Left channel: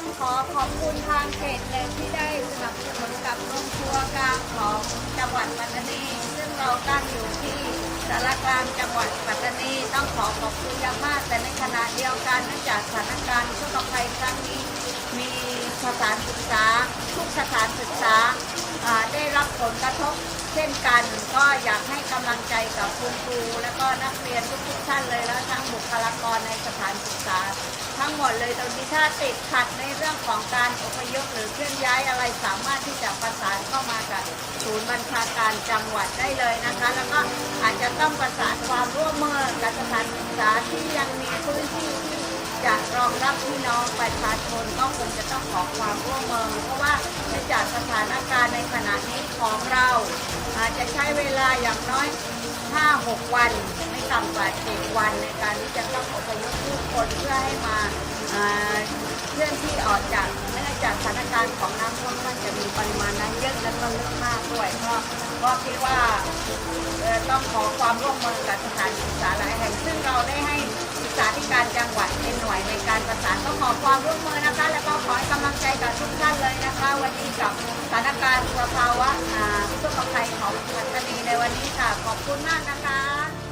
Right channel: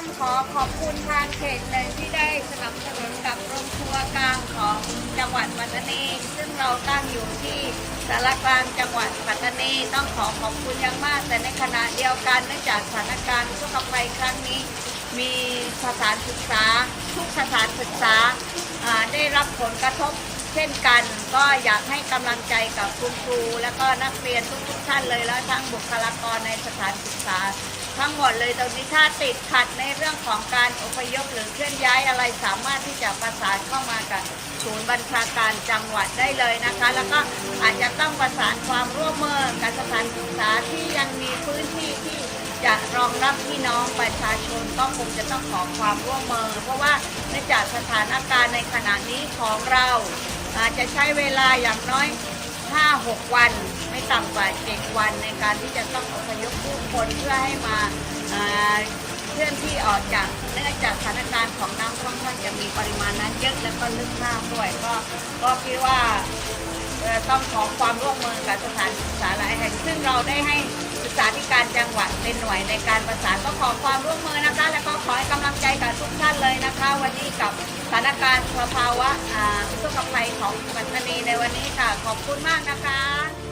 ต้องขอขอบคุณทางเขตเลยที่ได้สนับสนุนกับโรงครัวกลางของจังหวัดปัตตานี ซึ่งเราตั้งอยู่ที่สารกลางจังหวัดปัตตานีต้องขอขอบคุณอย่างมาก แต่ในขณะเดียวกันเนื่องจากสถานการณ์ทุกภัยครั้งนี้ มีสถานศึกษา ทุกสถานศึกษาได้รับผลกระทบ ช่นกัน ก็อยากให้กำลังใจกับคุณครู และก็นักเรียนทุกๆท่านเลยแล้วทั้งบุคลากรในสถานศึกษา ทั้งหมดเลยตรงนี้ถ้าติดขัดในเรื่องของการอพยพหรือเคลื่อนย้ายอะไรสามารถที่จะประสานเข้ามากับศูนย์บัญชาการจังหวัดได้เลยนะคะ แล้วก็อาจจะต้องประสานความร่วมมือกับสถานศึกษาที่ยังมีพื้นที่ที่จะรองรับพี่น้องประชาชนก็คงจะต้องขอความร่วมมือ เพราะว่าเนื่องจากสถานการณ์ในขณะนี้ของเรา อาจจะใช้เวลาอย่างน้อย 5-6 วัน ไม่ต่ำกว่า7วันในการที่จะต้องอพยพผู้คนเพื่อให้มาเคลื่อนที่ออกจากเนื่องจากสถานการณ์ของน้ำค่อนข้างจะมีปริมาณน้ำเยอะและก็ลึกมากด้วย ก็ก็คิดว่าต้องขอความร่วมมือกับสถานศึกษาหลายแห่ง ซึ่งเราได้ให้ศึกษาธิการจังหวัดเป็นหน่วยในการประสานก็ขอความร่วมมือนะคะ แล้วก็ขอให้กำลังใจกับทุกท่านเลย นี่กับสถานการณ์สภาวะอ่าผู้ประสบภัยของปัตตานีในวันนี้ค่ะ ขอบคุณมากนะคะ